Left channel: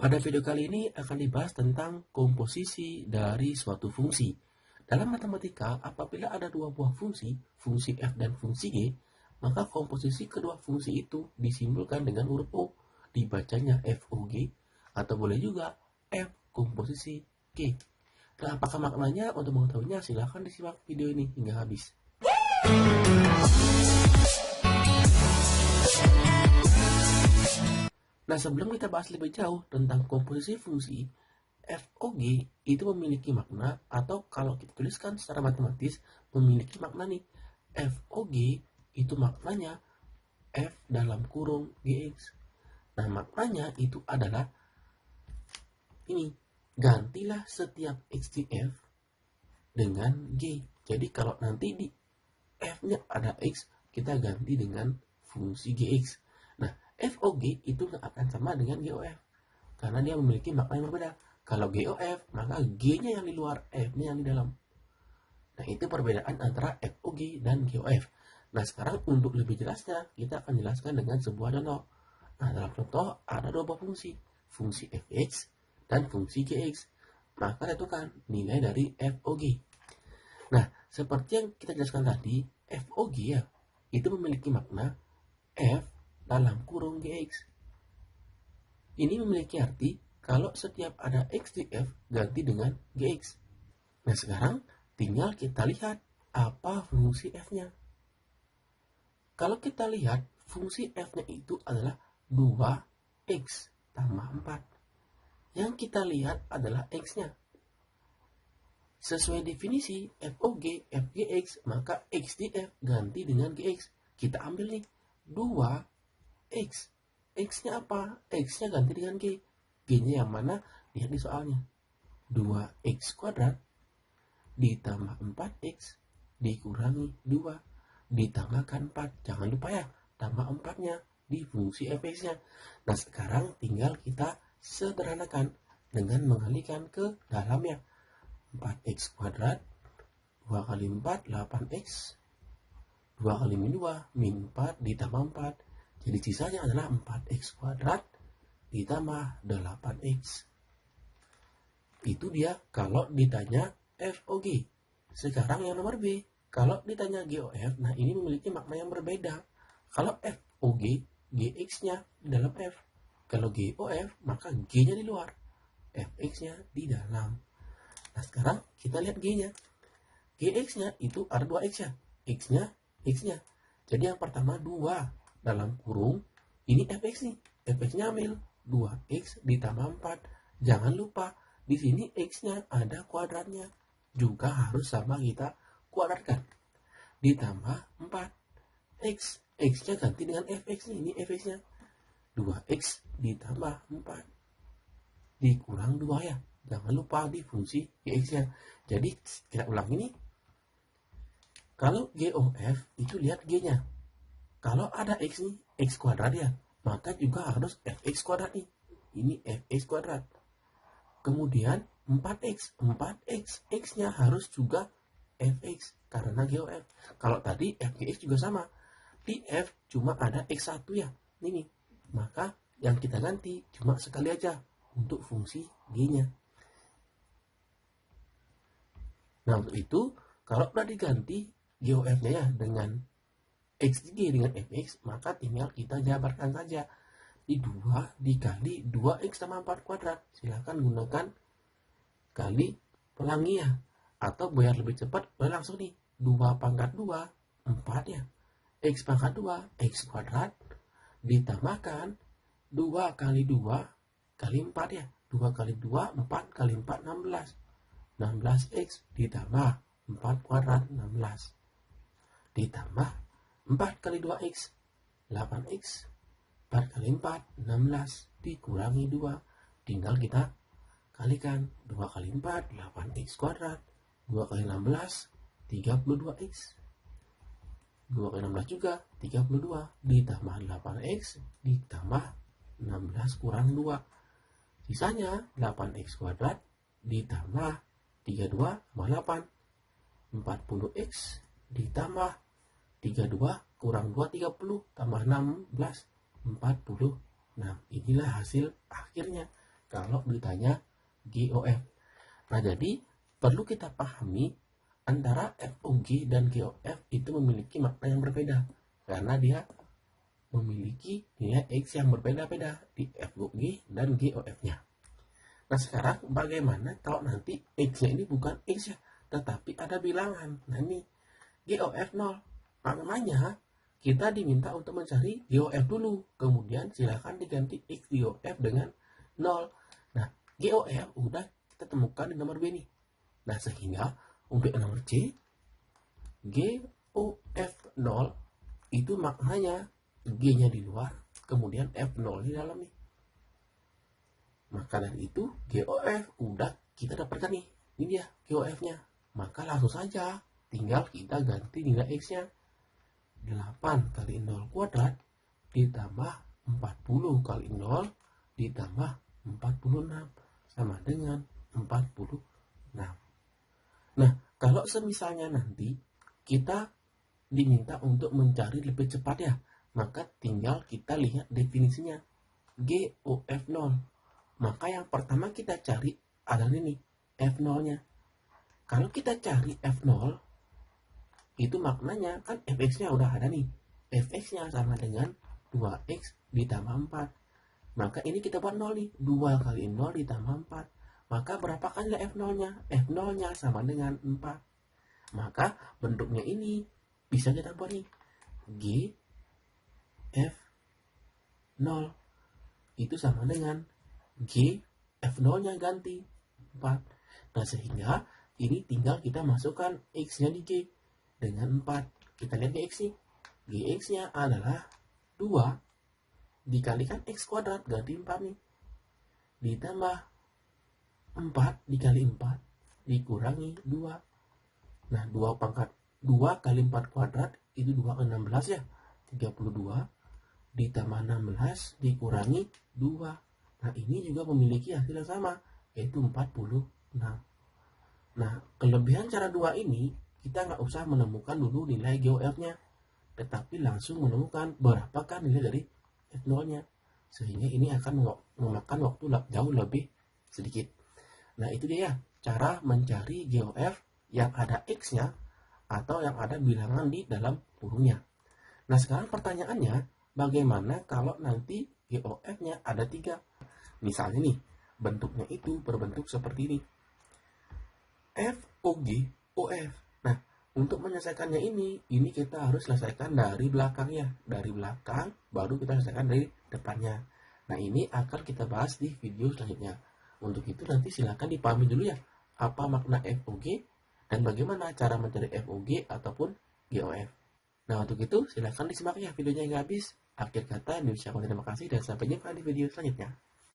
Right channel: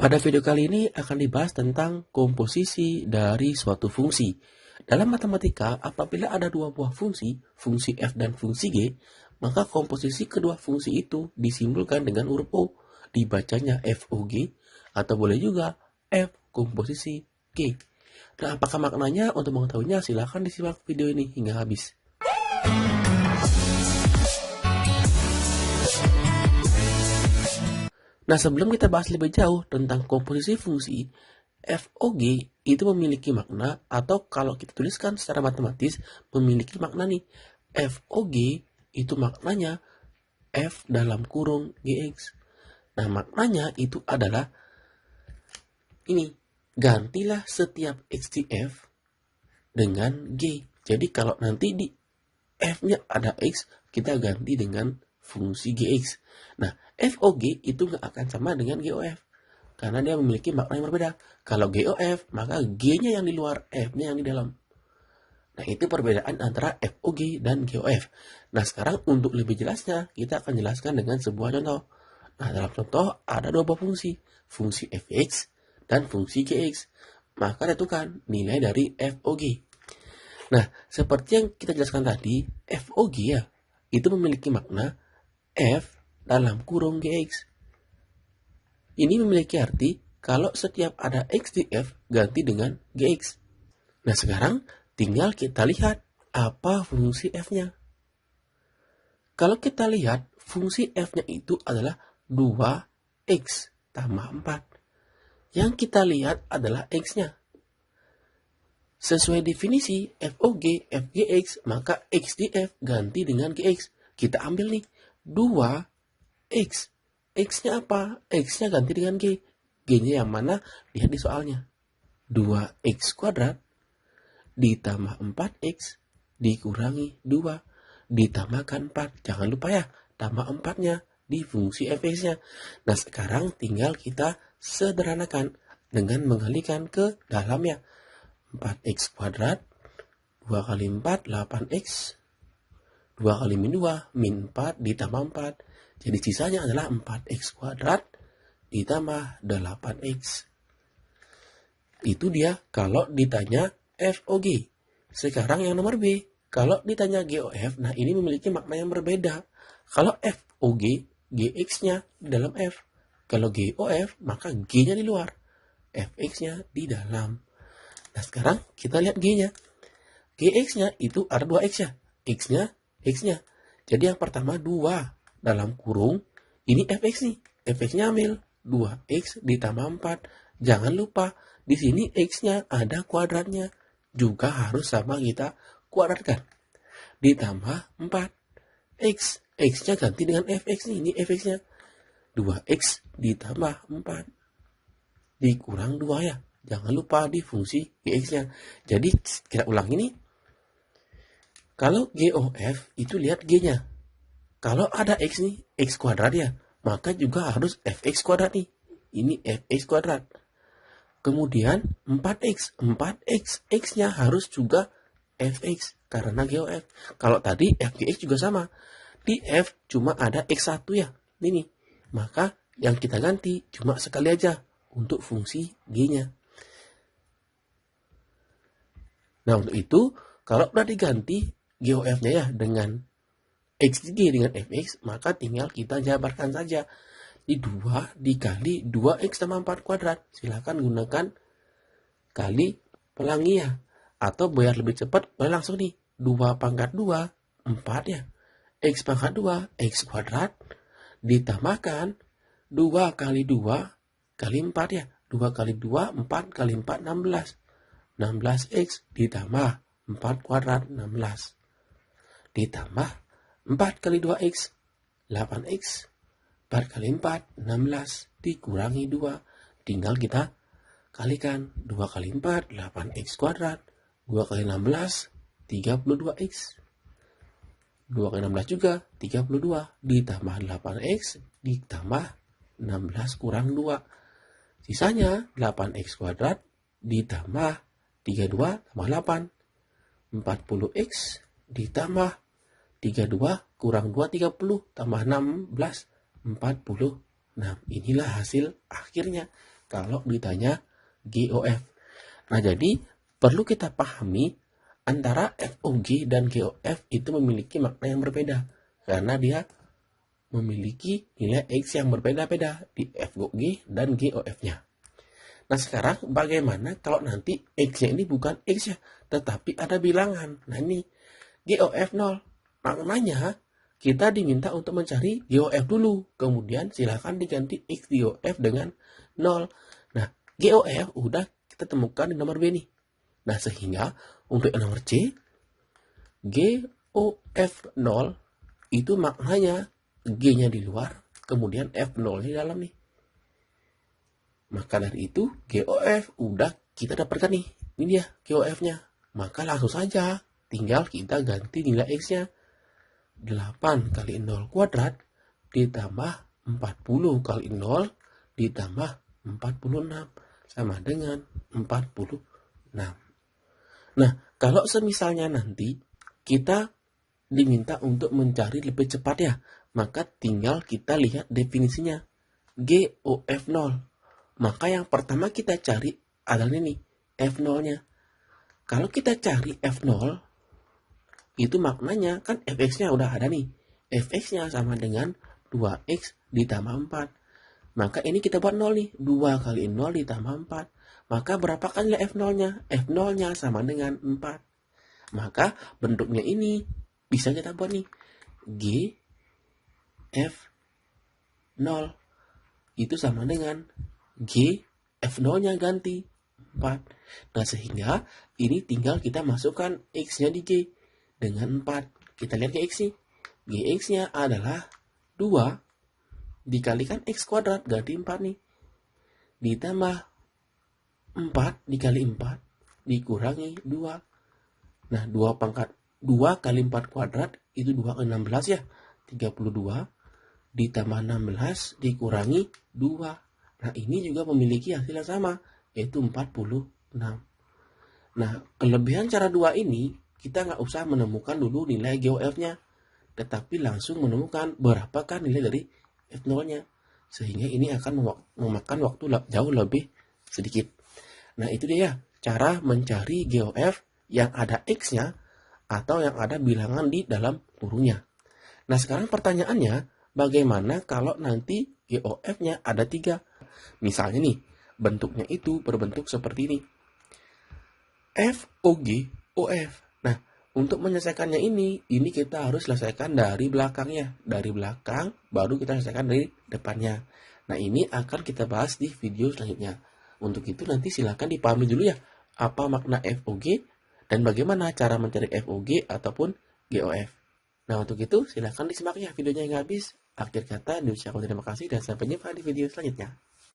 Pada video kali ini akan dibahas tentang komposisi dari suatu fungsi. Dalam matematika, apabila ada dua buah fungsi, fungsi f dan fungsi g, maka komposisi kedua fungsi itu disimbolkan dengan huruf O, dibacanya FOG, atau boleh juga F komposisi G. Nah, apakah maknanya? Untuk mengetahuinya, silahkan disimak video ini hingga habis. Nah, sebelum kita bahas lebih jauh tentang komposisi fungsi, FOG itu memiliki makna, atau kalau kita tuliskan secara matematis, memiliki makna nih. FOG itu maknanya F dalam kurung GX. Nah, maknanya itu adalah ini, gantilah setiap X di F dengan G. Jadi kalau nanti di F-nya ada X, kita ganti dengan fungsi GX. Nah, FOG itu nggak akan sama dengan GOF, karena dia memiliki makna yang berbeda. Kalau GOF, maka G-nya yang di luar, F-nya yang di dalam. Nah, itu perbedaan antara FOG dan GOF. Nah, sekarang untuk lebih jelasnya, kita akan jelaskan dengan sebuah contoh. Nah, dalam contoh ada dua buah fungsi, fungsi fx dan fungsi gx. Maka tentukan nilai dari FOG. Nah, seperti yang kita jelaskan tadi, FOG ya, itu memiliki makna F dalam kurung GX. Ini memiliki arti kalau setiap ada X di F, ganti dengan GX. Nah, sekarang tinggal kita lihat apa fungsi F-nya. Kalau kita lihat, fungsi F-nya itu adalah 2X tambah 4. Yang kita lihat adalah X-nya. Sesuai definisi FOG, FGX, maka X di F ganti dengan GX. Kita ambil nih, 2X. X-nya apa? X-nya ganti dengan G. G-nya yang mana? Lihat di soalnya. 2X kuadrat ditambah 4X dikurangi 2 ditambahkan 4. Jangan lupa ya, tambah 4-nya di fungsi fx-nya. Nah, sekarang tinggal kita sederhanakan dengan mengalikan ke dalamnya. 4x kuadrat 2 kali 4 8x, 2 kali min 2 min 4 ditambah 4. Jadi sisanya adalah 4x kuadrat ditambah 8x. Itu dia kalau ditanya FOG. Sekarang yang nomor B, kalau ditanya GOF, nah ini memiliki makna yang berbeda. Kalau FOG, GX-nya di dalam F. Kalau GOF, maka G-nya di luar, FX-nya di dalam. Nah, sekarang kita lihat G-nya. GX-nya itu ada 2X ya. X-nya, X-nya. Jadi yang pertama 2 dalam kurung, ini FX nih. FX-nya ambil 2X ditambah 4. Jangan lupa, di sini X-nya ada kuadratnya. Juga harus sama kita kuadratkan. Ditambah 4. X. X-nya ganti dengan FX nih. Ini FX-nya. 2X ditambah 4. Dikurang 2 ya. Jangan lupa di fungsi GX-nya. Jadi kita ulang ini. Kalau GOF itu lihat G-nya. Kalau ada X nih, X kuadrat ya, maka juga harus FX kuadrat nih. Ini FX kuadrat. Kemudian 4X. 4X. X-nya harus juga FX karena GOF. Kalau tadi FGX juga sama. Di F cuma ada X1 ya. Ini. Maka yang kita ganti cuma sekali aja untuk fungsi G-nya. Nah, untuk itu, kalau udah diganti GOF-nya ya dengan XG dengan FX, maka tinggal kita jabarkan saja. Di 2 dikali 2X tambah 4 kuadrat. Silahkan gunakan kali pelangi ya. Atau biar lebih cepat, boleh langsung nih. 2 pangkat 2, 4 ya. X pangkat 2, X kuadrat. Ditambahkan 2 kali 2 kali 4 ya. 2 kali 2, 4 kali 4, 16. 16X ditambah 4 kuadrat, 16. Ditambah 4 kali 2X, 8X. 4 kali 4, 16. Dikurangi 2. Tinggal kita kalikan. 2 kali 4, 8X kuadrat. 2 kali 16, 32X. 2 kali 16 juga, 32. Ditambah 8X, ditambah 16 kurang 2. Sisanya 8X kuadrat, ditambah 32 tambah 8. 40X ditambah 32 kurang 2, 30 tambah 16, 46. Inilah hasil akhirnya. kalau ditanya GOF. Nah, jadi perlu kita pahami antara FOG dan GOF itu memiliki makna yang berbeda karena dia memiliki nilai X yang berbeda-beda di FOG dan GOF-nya. Nah, sekarang bagaimana kalau nanti X-nya ini bukan X ya, tetapi ada bilangan. Nah, ini GOF 0. Maknanya kita diminta untuk mencari GOF dulu. Kemudian silakan diganti X GOF dengan 0. Nah, GOF udah kita temukan di nomor B nih. Nah, sehingga untuk nomor C, GOF 0 itu maknanya G-nya di luar, kemudian F0-nya di dalam nih. Maka dari itu GOF udah kita dapatkan nih. Ini dia GOF-nya. Maka langsung saja tinggal kita ganti nilai X-nya. 8 kali 0 kuadrat ditambah 40 kali 0 ditambah 46 sama dengan 46. Nah, kalau semisalnya nanti kita diminta untuk mencari lebih cepat ya, maka tinggal kita lihat definisinya. GOF 0. Maka yang pertama kita cari adalah ini, F0-nya. Kalau kita cari F0, itu maknanya kan Fx-nya udah ada nih. Fx-nya sama dengan 2x ditambah 4. Maka ini kita buat 0 nih. 2 kali 0 ditambah 4. Maka berapa kali F0-nya? F0-nya sama dengan 4. Maka bentuknya ini bisa kita buat nih. G F0 itu sama dengan G F0-nya ganti 4. Nah, sehingga ini tinggal kita masukkan X-nya di G dengan 4. Kita lihat Gx nih. Gx-nya adalah 2 dikalikan X kuadrat ganti 4 nih. Ditambah 4 dikali 4 dikurangi 2. Nah, 2 kali 4 kuadrat itu 2 kali 16 ya. 32 ditambah 16 dikurangi 2. Nah, ini juga memiliki hasil yang sama, yaitu 46. Nah, kelebihan cara 2 ini, kita nggak usah menemukan dulu nilai GOF-nya, tetapi langsung menemukan berapakah nilai dari F0-nya. Sehingga ini akan memakan waktu jauh lebih sedikit. Nah, itu dia cara mencari GOF yang ada X-nya atau yang ada bilangan di dalam kurungnya. Nah, sekarang pertanyaannya, bagaimana kalau nanti GOF-nya ada 3? Misalnya nih, bentuknya itu berbentuk seperti ini. FOG OF. Nah, untuk menyelesaikannya ini kita harus selesaikan dari belakangnya. Dari belakang, baru kita selesaikan dari depannya. Nah, ini akan kita bahas di video selanjutnya. Untuk itu nanti silakan dipahami dulu ya, apa makna FOG dan bagaimana cara mencari FOG ataupun GOF. Nah, untuk itu silakan disimak ya videonya hingga habis. Akhir kata, diucapkan terima kasih dan sampai jumpa di video selanjutnya.